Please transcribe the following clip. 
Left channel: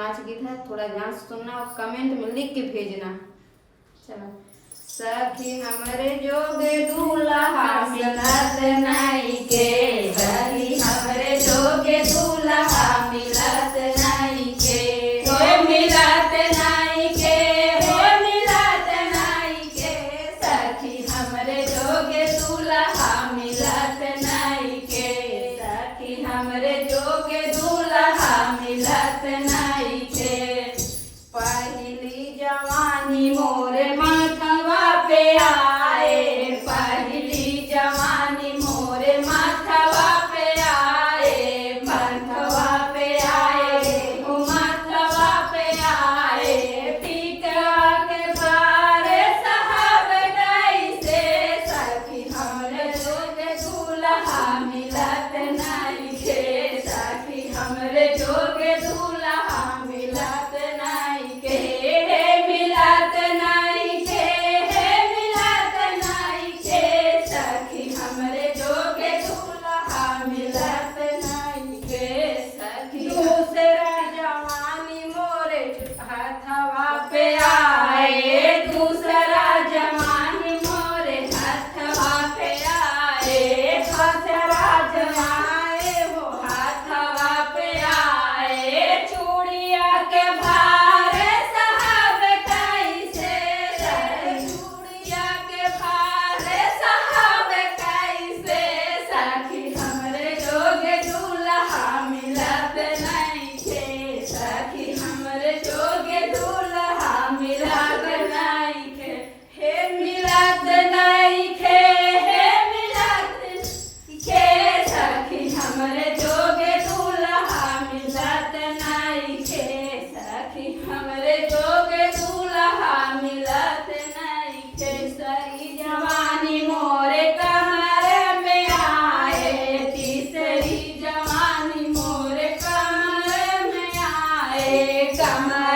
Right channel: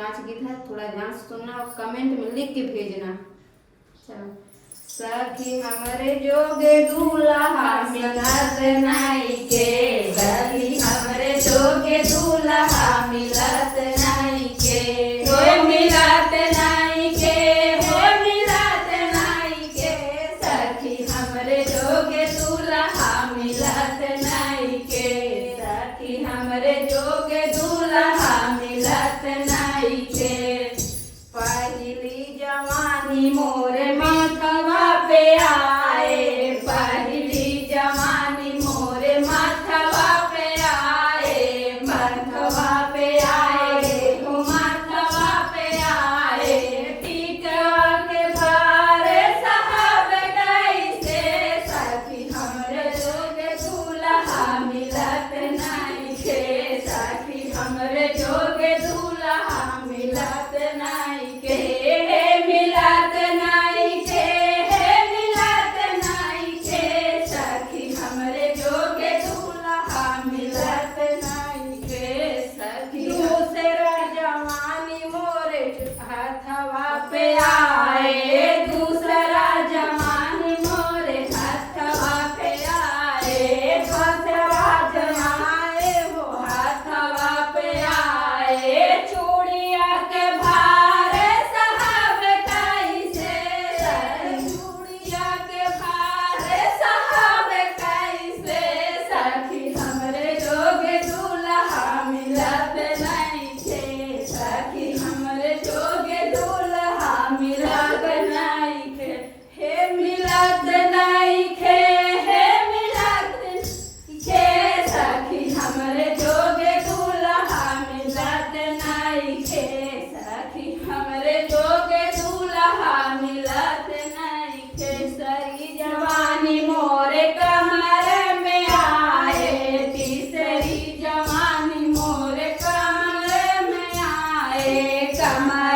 नाच गीत है, थोड़ा ध्यान से सुनना और कमेंट में लिख के भेजना। चलो। सखी हमरे जोगे दूल्हा मिलत नाई के, सखी हमरे जोगे दूल्हा मिलत नाई के, होए मिलत नाई के, होए मिलत नाई के, सखी हमरे जोगे दूल्हा मिलत नाई के, सखी हमरे जोगे दूल्हा मिलत नाई के। पहली जवानी मोरे माथवा पे आए, पहली जवानी मोरे माथवा पे आए, माथवा पे आए, माथवा पे आए, पीठवा के भार साहब कैसे, सखी हमरे जोगे दूल्हा मिलत नाई के, सखी हमरे जोगे दूल्हा मिलत नाई के, मिलत नाई के, मिलत नाई के, सखी हमरे जोगे दूल्हा मिलत नाई के, सखी दूसरा जवानी मोरे हथवा पे आए, दूसरा जवानी मोरे हथवा पे आए, दूसरा जवानी हो हथवा पे आए, चूड़िया के भार साहब कैसे, चूड़िया के भार साहब कैसे, सखी हमरे जोगे दूल्हा मिलत नाई के, सखी हमरे जोगे दूल्हा मिलत नाई के, हे मिलत नाई के, हे मिलत के, सखी हमरे जोगे दूल्हा मिलत नाई के, सखी हमरे जोगे दूल्हा मिलत नाई के। सरी जवानी मोरे कमर में आए, तीसरी जवानी मोरे कमर में आए, कमर